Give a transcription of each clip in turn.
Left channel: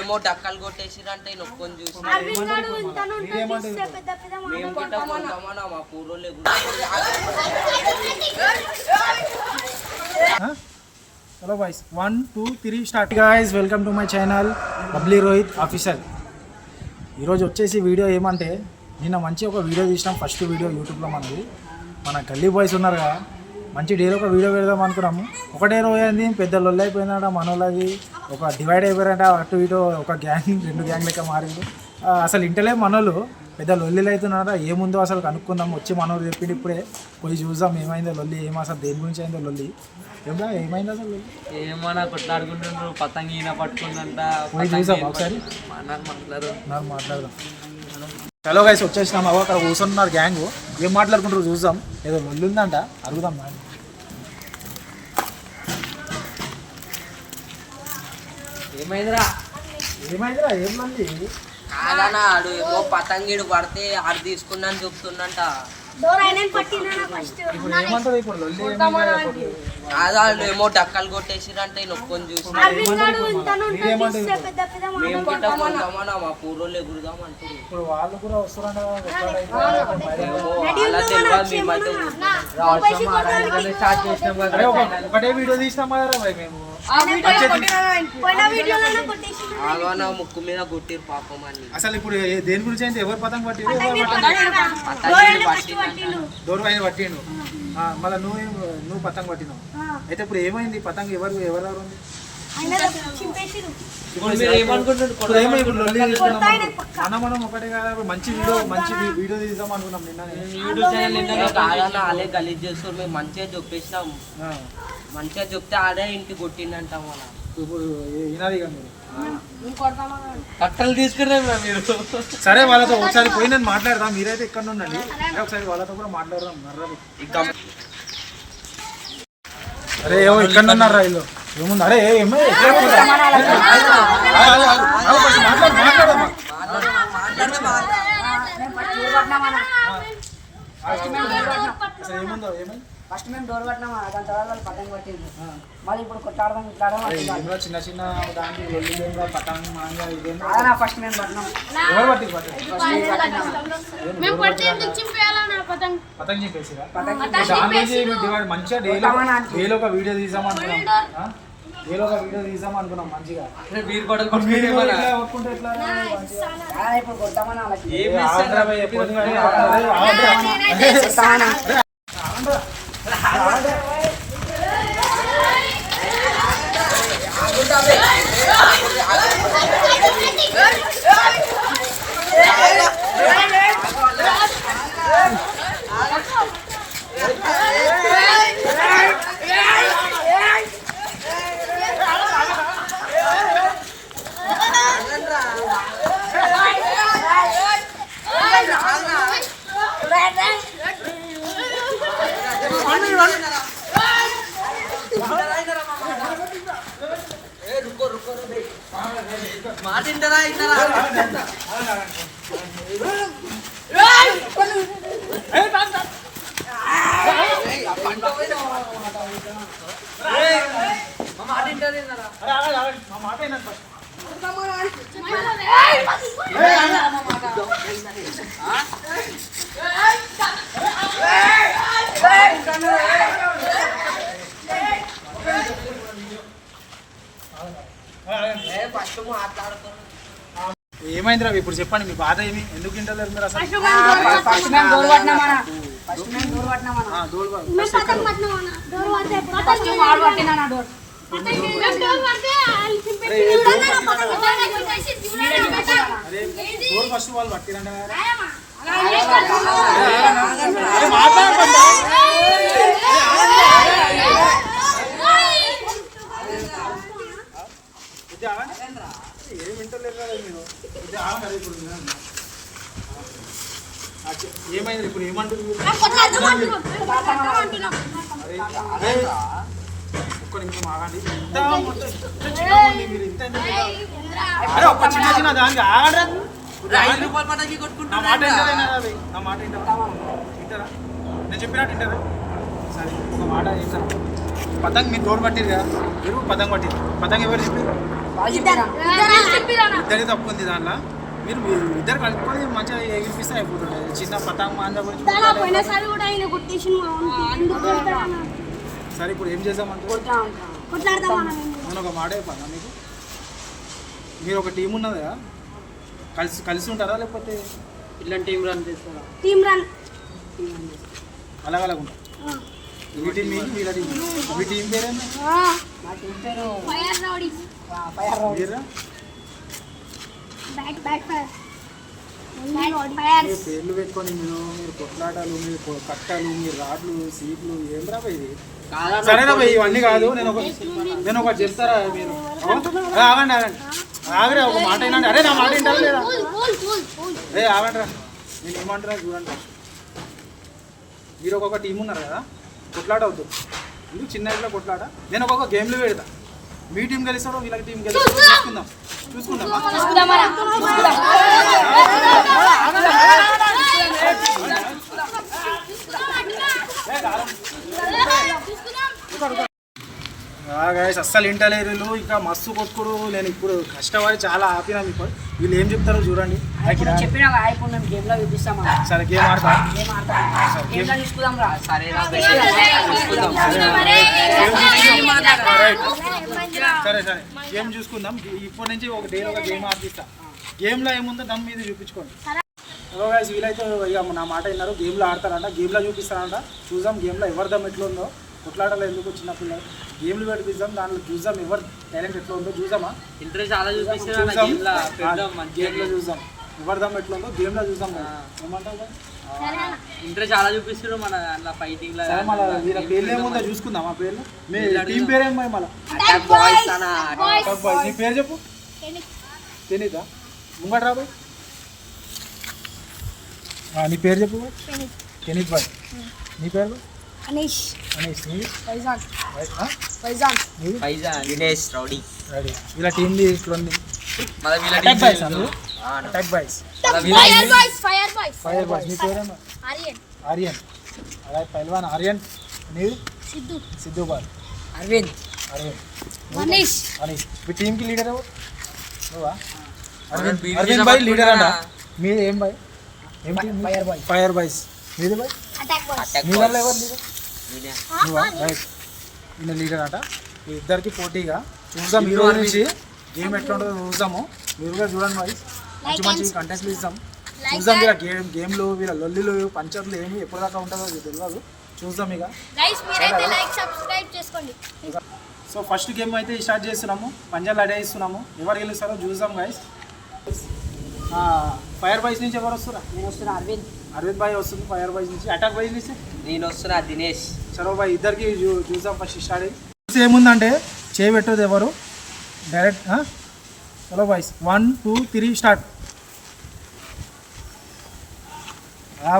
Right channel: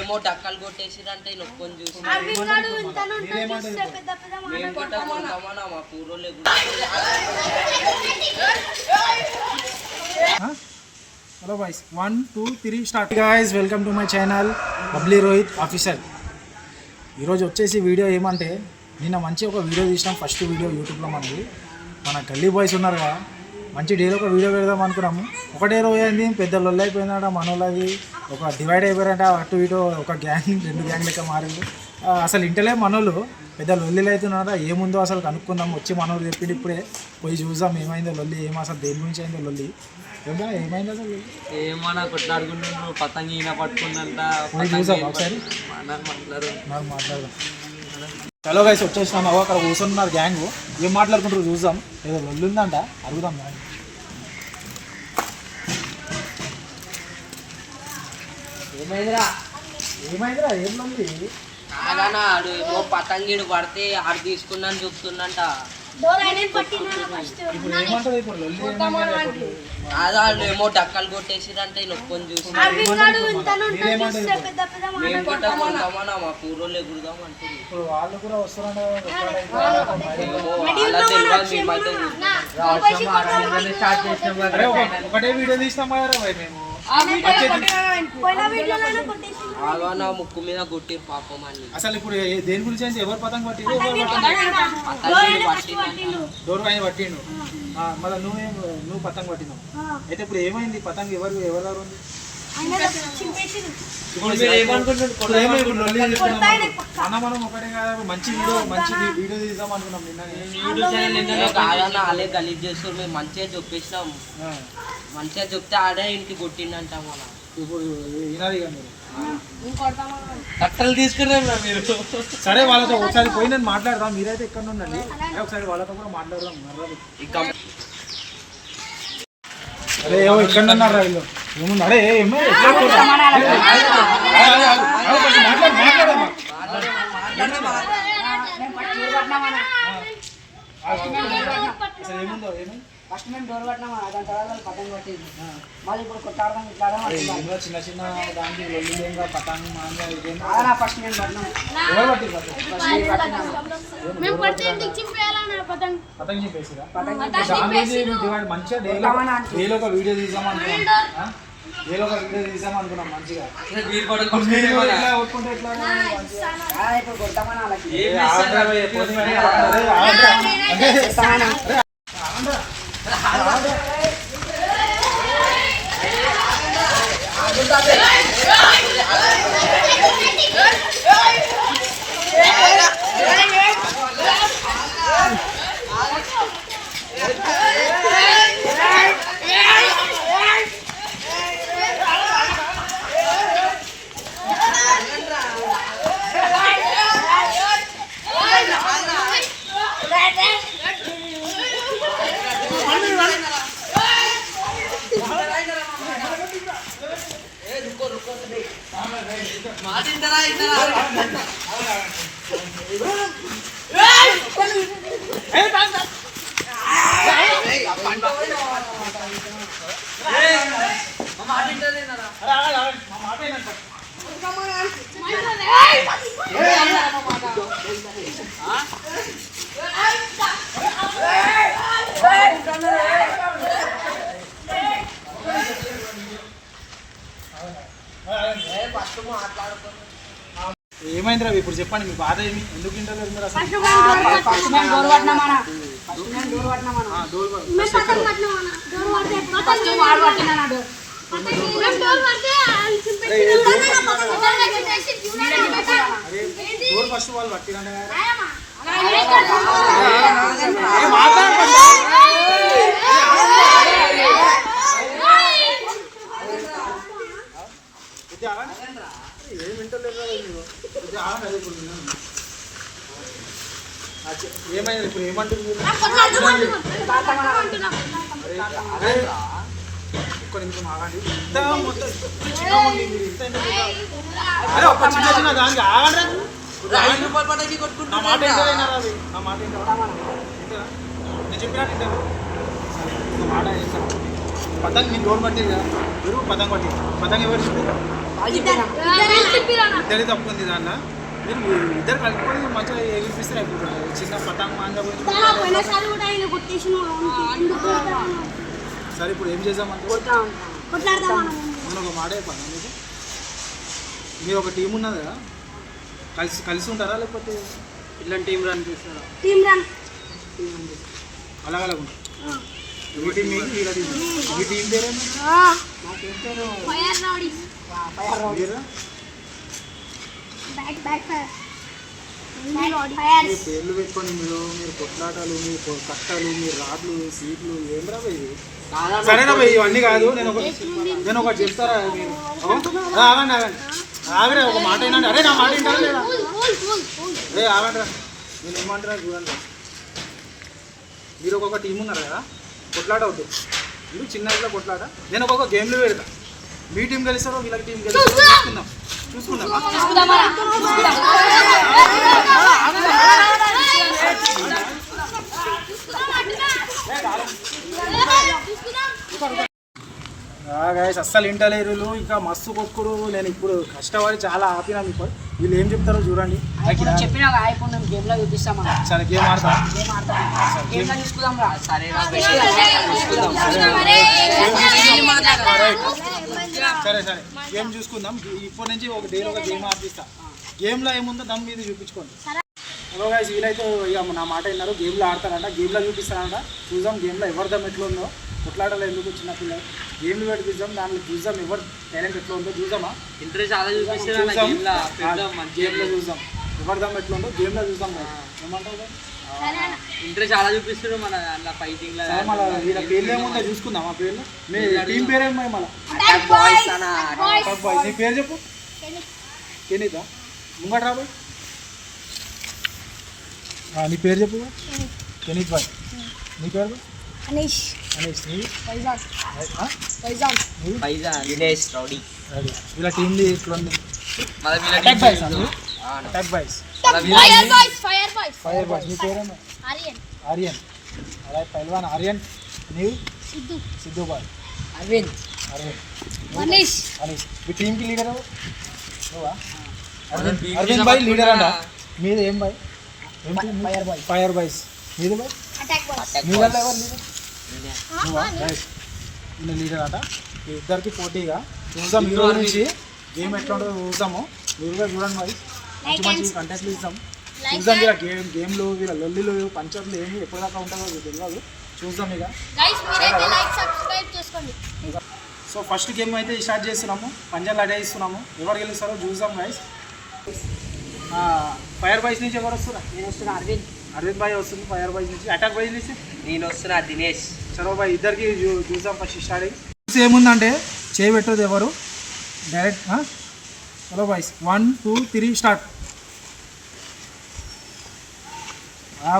ఏమో డక్కలు కొట్టేసిరంటే నొక్కొని చూసి మేము గిట్ట కొంటామన్నా మా పూర్వలే కూడా. Hello boys 1 2 3 start. Guys welcome to my channel bubbly Rohit officer. ఈరోజు వచ్చేసి వీడియో ఏమంటే నిన్న మంచి ఒక వీడియో తీసినాం, ఫస్ట్ వీడియో యూట్యూబ్లో మనది. మన గల్లీ బాయ్స్ ఉన్నారు కదా, మంచి డేలో ఒక వీడియో పెడదాం అనుకున్నాము. ఒకటే రోజు అయింది, పెద్ద లొల్లి అయిపోయిందంట మనోళ్ళది. ఒక డివైడ్ అయిపోయారంట, అటు ఇటు ఒక గ్యాంగ్ 2 గ్యాంగ్ లెక్క మారింది. అసలు ఇంటలే మనోళ్ళు పెద్ద లొల్లిలు అవుతున్నారా, ఏముందో అసలు కనుక్కుందాం. వచ్చి మనోళ్ళు చెప్పింది ఇప్పుడే, పోయి చూద్దాం ఏమైందో లొల్లి, అసలు దేని గురించి అయిందో లొల్లి. ఏమైంది అసలు లొల్లి? ఏమన్నా కొట్లాడుకుంటున్నాను, పతంగి ఈయన పట్టుకుందంట. పోయి చూద్దాం ఒకసారి, మాట్లాడదాం. హలో గైస్ వచ్చేసినాం. అక్కడ కూర్చున్నారు గ్యాంగ్, ఏం మాట్లాడుకుంటారు చూద్దాం. ఏదో లొల్లి ఉందంట, అడుగుదాం. ఏమైందిరా ఏం లొల్లి? కాదన్నా ఆడు ఏమో పతంగిడు పడితే ఆడు తీసుకున్నాను చెప్తుందంట. ఇప్పుడు ఏమంటారు ఇప్పుడు లొల్లి? కాదు ఏమో డక్కలు కొట్టేసిరంటే నొక్కొని చూసి మేము గిట్ట కొంటామన్నా మా పూర్వలు ఎగురుదాం అంటారు. ఇప్పుడు వాళ్ళు కూడా వస్తారంట, అలా తెలియదు. మేమైతే ఒకటే వీడియో తీసినాం కదా మేము. ఆగానా ముక్కు మీద కొట్టిరు పాపం అని. అసలు ఇప్పుడు దేని గురించి అయితే ఎవరు పతంగ పట్టిరు? డోర్ పైన పట్టిండు, మళ్ళీ నువ్వు పతంగ పట్టినావు. అయితే ఇప్పుడు ఏమైంది? పతంగ ఎవరెవరు ఉంది? మనం ఒకటే కదా, మంచి వీడియో తీద్దాం అనుకున్నాం నిన్న. కాదన్నా వాళ్ళే గలీజ్ చేస్తారు, మేము మంచిగా చెప్పేసినాం. మంచిగా చెప్తే ఆడే ఇంటికి కొట్టిండంట. మన ఇప్పుడు వినాలి కదా మీరు, కట్టలు తీసుకురా మీరు. సరే వాళ్ళతో ఒకసారి పోయి నేను మాట్లాడదాం, మీరైతే ఇక్కడ ఉండండి. ఒకసారి వాళ్ళతో కూడా మాట్లాడదాం. అరే ఏమో ఇక్కడ ఉన్నారా వీళ్ళు? ఏముంది? అరే మాట్లాడమ్మా. ఏముందో ఏమైంది? ఫస్ట్ మేము డోర్ పట్టినాము, దాని తర్వాత వాళ్ళు పతంగ పట్టింది. మళ్ళీ ఇప్పుడు కొట్టాడదాం ఇట్లాడదాం. చిన్న చిన్న దానికి లొల్లిగా పతంగ మాంగా ఇదేమో ఫస్ట్ మేము పట్టినాము. ఎవరు పట్టిరు? పతంగ చెప్పేసిరా? మంచిగా డేలో ఒక వీడియో తీద్దాం అనుకున్నాం. మంచిగా కొట్టుకుంటే ఎట్లా? ఇప్పుడు కొడతామని వాళ్ళకి ఏమైందిరా ఇప్పుడు చెప్పండి, మీ బాధ ఏమి? ఎందుకు ఇంటలేరు మీరు? అసలు డోర్ ఫస్ట్ వాళ్ళు పట్టిరంటే ఏమైంది? ఇప్పుడు ఏమంటారు మీరు? ఒక్క నిమిషం ఆగండి. మీరు ఇంత ఒక చిన్న చిన్న దానికి ఆగండి. నా మాట ఏంటైనా నా మాట ఏంటా నేను చెప్పినట్టు ఏంటారా? సరే ఒక మాట చెప్తాను. పతంగ్ మీరు డోర్ పట్టిరు కదా, మీరు పతంగ్ పట్టిరు. పతంగ్ ఎవరు చెప్పారు? ఇద్దరి తప్పు ఉంది దాంట్లో. మీరు ఇద్దరు కలుపుకొని మంచిగా ఎగిరిపిస్తే అయిపోతుంది. చిన్న పతంగ్ మాంగా గురించి. సరే ఇప్పుడు ఏం చేద్దామంటే నేను ఒక మాట చెప్పాను మీకు. మీరు ఒక టీం ఉన్నది కదా, కలిసి ఉంటారా లేకపోతే ఇలాంటి టీం రన్ చేస్తారా? అలాగ ఉంటారు. మీ టీం మీకు వీళ్ళ టీం మీ టీం పేరేమో మా టీం పేరు మీరా? మీ పేర్లు పెట్టుకొని మీరు కొట్లాటలు, మీరు కట్టలు, మీరు రాడ్లు, సీట్లు ఏం రా భయ్? సరేనా భయ్, ఇవన్నీ కాదు. నేను ఒకటి చెప్తారా మీరు? ఆగండి ఆగరే, ఒక మాట అయినా. అరే నా మాట వింటారా లేదా? ఆగండి రా, నేను ఏమంటారా చూడండి. మీరు ఒక్కొక్క టీం ఉన్నారు కదా, కొట్లాట అవుతుంది. మీరు చిన్న ఇట్లా కొట్లాట. నేను ఒక్కొక్క గేమ్లు పెడతా. మీ టీం గెలుస్తారో వీళ్ళకి టీం గెలుస్తారో చూసుకుందాం. గాయస్ అస్సలు ఇంటలేరు. ఇంకా మస్తు కొట్టుకుడు. నేను ఇప్పుడు కష్టపడి చాలా ఆపినా. మీకు వీళ్ళు ఏం చెప్తారో చూడండి. చెప్పినా ఇప్పుడు మేము గేమ్ లో చూపిస్తామా? సరే గేమ్ ఆడతా. గేమ్ లో చూసుకుందాం రా. సరే గేమ్ చూసుకుందాం. ఇప్పటి నుంచి ఒక డైలీ ఒక గేమ్ ఆడిపిస్తా. గేమ్లో ఏముందో దమ్ మీద చూపించుకోండి. హలో గాయస్, వీళ్ళైతే ఇక నా మాట విన్నారు. గేమ్లో ఆడతారంట, గేమ్లో చూపిస్తారంట. చూద్దాం గేమ్లో ఎవరి దమ్ ఎట్లా ఉందో. కొట్లాటలో ఎందుకు చిన్నపిల్లలు గేమ్లు పెట్టిద్దాం, దాంట్లో చూద్దాం ఎవరు టాలెంట్ ఎట్లా ఉందో. చూద్దామా? ఇంట్రెస్ట్ చాలా చూపిస్తారు. గేమ్లో చూద్దాం ఎవరి దమ్ ఎట్లా ఉందో. గేమ్లో చూద్దాం. ఏమంటావు? ఇంట్రెస్ట్ చాలా చూపిస్తారు మన అట్లా ఫైటింగ్ లా. మళ్ళీ వీళ్ళ పేర్లు ఏముందో చూసుకుందాం. ఆ పేర్లు మీ టీం పేరేమో మళ్ళీ నీ పేరు చెప్పు. కెనీతా ముంగట రాబాయ్. నీ పేరు చెప్పు. కెనీత్ బాయ్. నీ పేరు? అనీష్. దినేష్ రౌడీ. వీళ్ళ టీంది ఇట్లుంది. Attack boys. Fire boys. నీ పేరేమో? ఆర్యన్. అలాగే పైల్వాన్ ఆర్యన్. నీవు? సిద్ధు బాయ్. అరవింద్. అనీష్. మీ టీంకి లీడర్ ఎవరు? నువ్వా? అరవింద్ బాయ్ లీడర్ అంట. మీది ఏం బాయ్? ఏం టీం? Fire boys. మీది బాయ్? మీ వల్ల ఎవరు లీడర్? నువ్వా? రైట్. ఈయన లీడర్ అంట. ఇద్దరికి పోటీగా చూద్దాం. ఈ రోజు నుంచి గేమ్ ఎట్లా ఉంటుందో చూద్దాము. మీరు కూడా చూడండి మరి. మంచి మంచి కంటెంట్లు ఇస్తాం. చూద్దాం వీళ్ళ గేమ్లు, వీళ్ళ లొల్లిలు, పంచర్లు ఏమి ఎప్పటిదాకా ఉంటుందో తెలియదు. చూద్దాం ఇక. సో ఫస్ట్ గేమ్ అయితే స్టార్ట్ చేస్తున్నాము. పంజాలు అడేస్తున్నాము. ఎవరు గెలుస్తారో చూద్దాం గైస్. ఫైర్ బాయ్స్ నుంచి ఎవరు వస్తారా? నేను వస్తున్నా. అరవింద్ బాయ్ వస్తుంది ఫైర్ బాయ్స్ నుంచి. అటాక్ బాయ్స్ నుంచి నేను వస్తున్నా దినేష్. చలో బాయ్, ఇద్దరికి చూద్దాం. ఫస్ట్ స్టార్ట్ అయ్యి ఏముందంటే చేయబెట్టదు ఎవరు డైరెక్ట్. చలో బాయ్స్ 1 2 3 స్టార్ట్.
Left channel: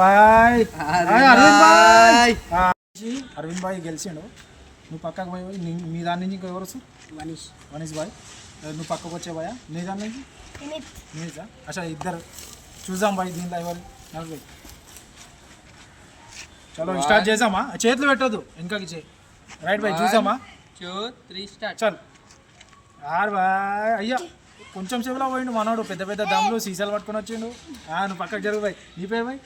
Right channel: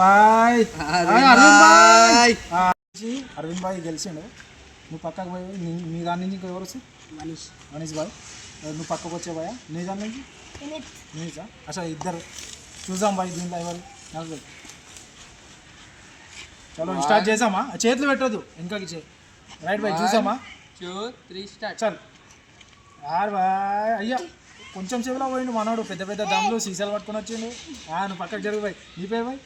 బాయ్ అరవింద్ బాయ్ గెలిచిండు. నువ్వు పక్కకు పోయి మీ దాని నుంచి ఇంకా ఎవరు వస్తారు? మనీష్ బాయ్. నువ్వు పక్కకు వచ్చే బాయ్. నీ దాని నుంచి నీజా? అసలు ఇద్దరు చూద్దాం బాయ్. దీంట్లో ఎవరు నాకు బాయ్. చలో స్టార్ట్ చేద్దామా? చేతులు పెట్టద్దు, వెనకకి చేయి. రైట్ బాయ్, చూసామా? 2 3 స్టార్ట్. చల్ బాయ్. అయ్యా కొంచెం సేపులో పోయిండు మనోడు. పెద్ద పెద్ద దమ్ములు సీసాలు పట్టుకొని వచ్చిండు. నువ్వు పక్కకు జరుగు బాయ్. నీ పే బాయ్.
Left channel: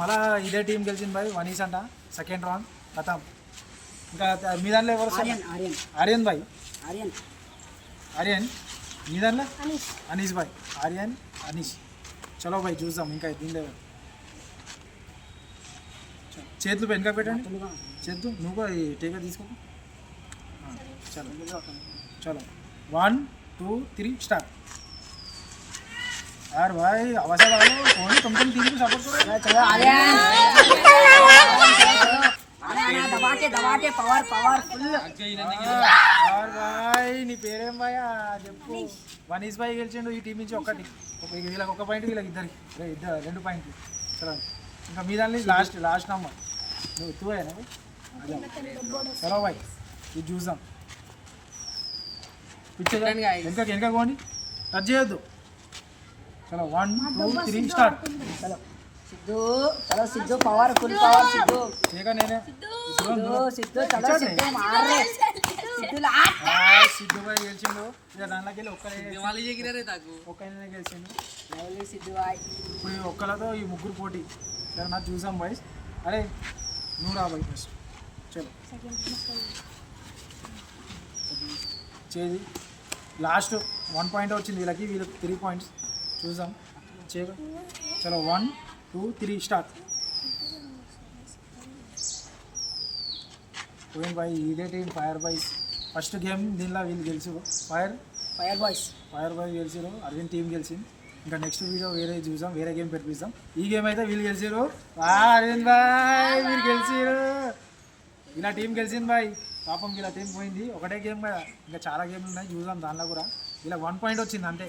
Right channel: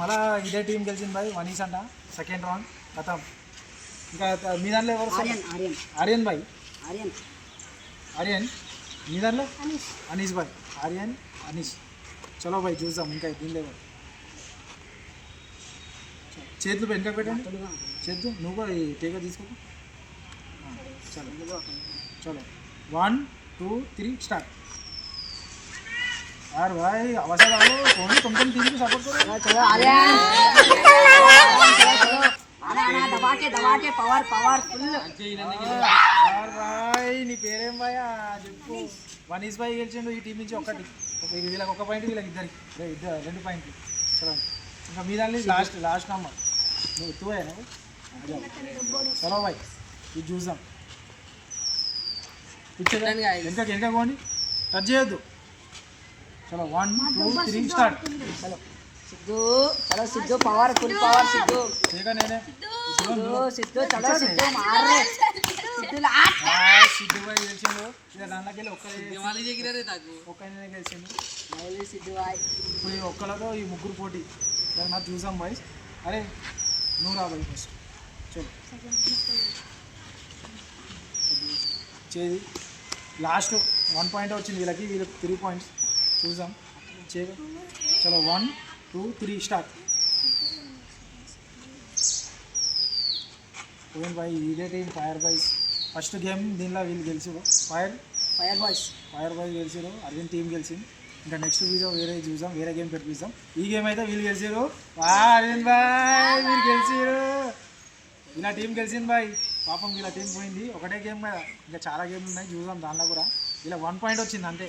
మళ్ళా ఇదే టీం గెలిచింది బాయ్. మనీష్ అంట సెకండ్ రౌండ్ కథం. ఇంకా మీ దాంట్లో ఎవరు వస్తారు? ఆర్యన్ బాయ్. ఆర్యన్. మీ దాంట్లో అనీష్ బాయ్. ఆర్యన్ అనీష్. చలో బాయ్ చూద్దాం. ఇంకా దీనిలో ఎవరు? చేతులు వెనక పెట్టండి. చేద్దు నువ్వు కూడా ఈ టేక తీసుకో. చలో 1 2 3 స్టార్ట్. यार भाई आवाज आ रहा है कौन तुम टीम की सपोर्ट करो। दबाके पवर फुल. यार भाई నీ పేరేం భాయ్ చెప్పు. మనీష్ భాయ్ గెలిచిండు ఈ టీం నుంచి. వీళ్ళకి 1 పాయింట్, వీళ్ళకి ఇద్దరికి 2 పాయింట్లు. చలో ఇంకా మీ దాన్ని లాస్ట్ నమ్మర్ నువ్వు తూయేనా? చలో భాయ్ ఇది చూద్దాం. వెనక పోండి, టచ్ చేయొద్దు. चलो 1 2 3 स्टार्ट. चलो Sidhu power full power Sidhu. ठीक है नेने సిద్ధు చలో సిద్ధు మారే సిద్ధు లాట్ సిద్ధు బాయ్ గెలిచిండు ఇక దాంట్లోకి వెళ్ళి ఒక్కనే గెలిచిండు లైలీ సిద్ధు బాయ్ ఇప్పుడు ఈ ఒక్కలతో ఈ ముగ్గురు పోటీ సరే నాకు చూసాం బాయ్స్ అరే నువ్వు రా బాయ్ ఫస్ట్ చలో చేది లాస్ట్ 1 పాయింట్ వచ్చింది వీళ్ళకి 3 పాయింట్స్ చూసాం చలో 1 2 3 స్టార్ట్ పోయిన్ బాయ్ ఇదే team fire boys first game దీనిలో వీళ్ళు గెలిచారు ఫైర్ బాయ్స్ గెలిచారు అరవింద్ టీం గెలిచింది ఇంకా నెక్స్ట్ వీడియో వేరే చూసాం వేరే గేమ్ పెట్టిస్తాం ఈ గేమ్ అయితే వీళ్ళు గెలిచారు అరవింద్ బాయ్ మీరు గెలిచారు ఇలా టీం గెలిచింది బాయ్ పాపం ఇలా టీం పోయింది ఒకటే గేమ్ కదా ఇంకా చాలా గేమ్లు ఉన్నాయి చూసాం దాంట్లో కూడా ఇలా 1 పాయింట్ వచ్చింది అంతే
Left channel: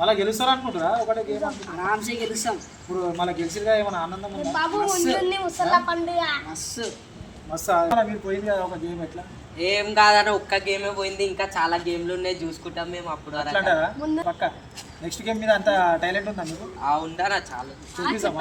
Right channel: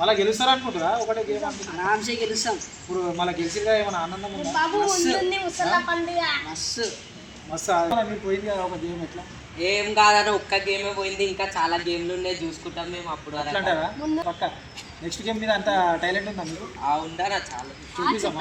మళ్ళీ గెలుస్తారు అనుకుంటారా ఒకటే గేమ్ అనుకుంటారా ఆరామ్సే గెలుస్తాం ఇప్పుడు మళ్ళీ గెలిచిగా ఏమైనా ఆనందం ఉందా మస్తు మస్తు మీరు పోయింది కదా ఒక గేమ్ ఎట్లా ఏం కాదన్న ఒక్క గేమే పోయింది ఇంకా చాలా గేమ్లు ఉన్నాయి చూసుకుంటాం మేము అప్పుడు వరకు అంటారా పక్క నెక్స్ట్ గేమ్ మీద అంత టాలెంట్ ఉందా మీకు ఉందా చాలా చూపిస్తామా